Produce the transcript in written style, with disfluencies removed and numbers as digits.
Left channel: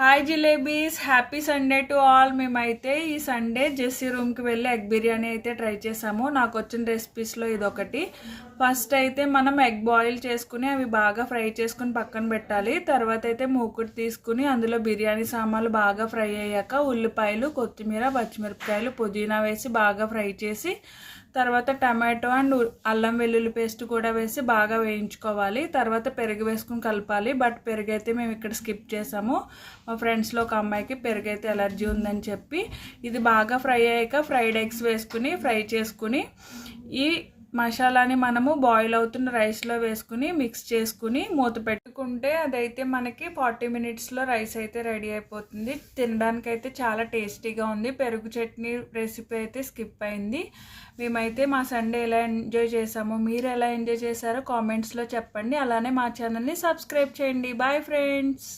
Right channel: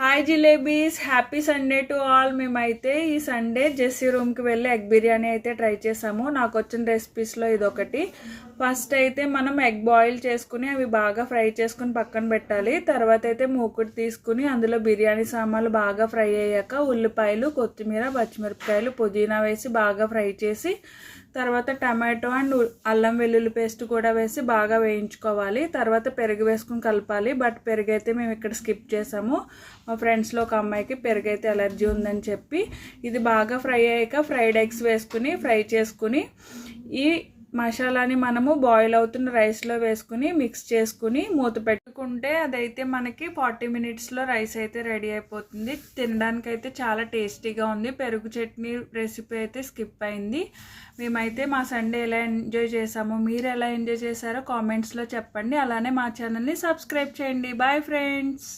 Hi jalebis, happy Sunday to all. మేమైతే ఈ Sunday Jessie రూమ్కి వెళ్ళి ఎగ్ బిర్యానీ అయితే ట్రై చేసాము. నాకు వచ్చిన రెసిపీస్లో ఇదొకటి. ఫస్ట్ అయితే మనం ఎగ్ బాయిల్ చేసుకుని అవి బాగా ఫ్రై చేసుకుని పక్కన పెట్టాలి. తర్వాత అయితే మూకుడు తీసుకుని అందులో బిర్యానీ సామాన్లు బాగా ఫ్రై అయ్యాక ఉల్లిపాయలు, కొత్తిమీర, పచ్చిమిరపకాయలు, పుదీనా వేసి బాగా ఫ్రై చేసి తర్వాత టమాటో అండ్ అల్లం వెల్లుల్లి పేస్ట్ కూడా వేసి బాగా వేయించుకోవాలి. తర్వాత పెరుగు వేసుకుని కలపాలి. బట్ పెరుగు అయితే మేము ఇక్కడ స్కిప్ చేసాము. మా ఫ్రెండ్స్లో ఒక అమ్మాయికి పెరుగు అయితే అలర్జీ ఉందని చెప్పి ఇది బాగా ఫ్రై అయ్యాక ఫ్రైడ్ ఎగ్స్ వేసుకుని ఫ్రై చేసుకుని ఈ మసాలాని మనము బాయిల్ అవుతున్న రైస్లో వేసుకుని మిక్స్ చేసుకుని మూత పెట్టుకుంటే అదైతే మనకి 40 మినిట్స్లో రైస్ అయితే రెడీ అయిపోతుంది. తినడానికి అయితే చాలా టేస్టీగా ఉంది. పెరుగు చట్నీ రెసిపీ అయితే స్కిప్ అయింది. మేమైతే మా సండే ఎలా ఎంజాయ్ చేసాము, మీరు ఎలా ఎంజాయ్ చేశారో కామెంట్స్లో చెప్పండి. అలానే మా ఛానల్ని సబ్స్క్రైబ్ చేయండి. Bye friends.